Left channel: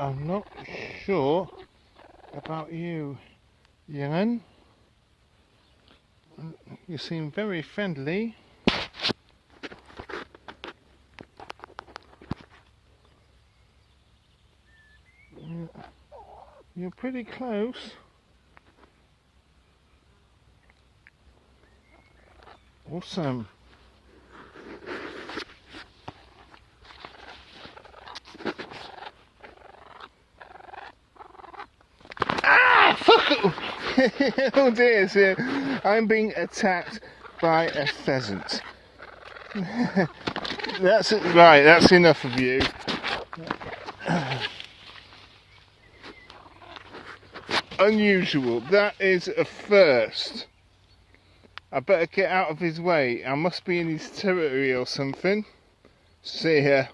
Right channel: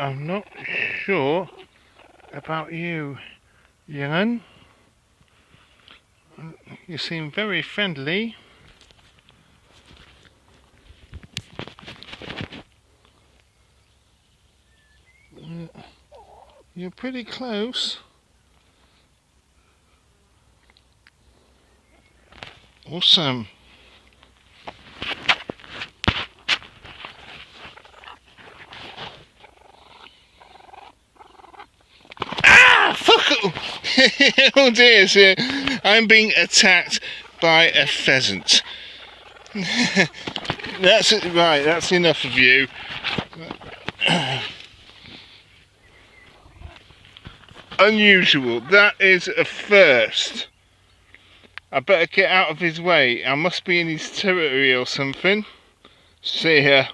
I'm not sure about you, young'un. You seem very friendly. You're pretty close. Awesome. Ah! Fuck! Oh dear, sir. I'm being attacked by a pheasant. That's it. Right, that's enough of you. Unusual. That is a first. I better get out of his way. I must be in his territory or something. See ya.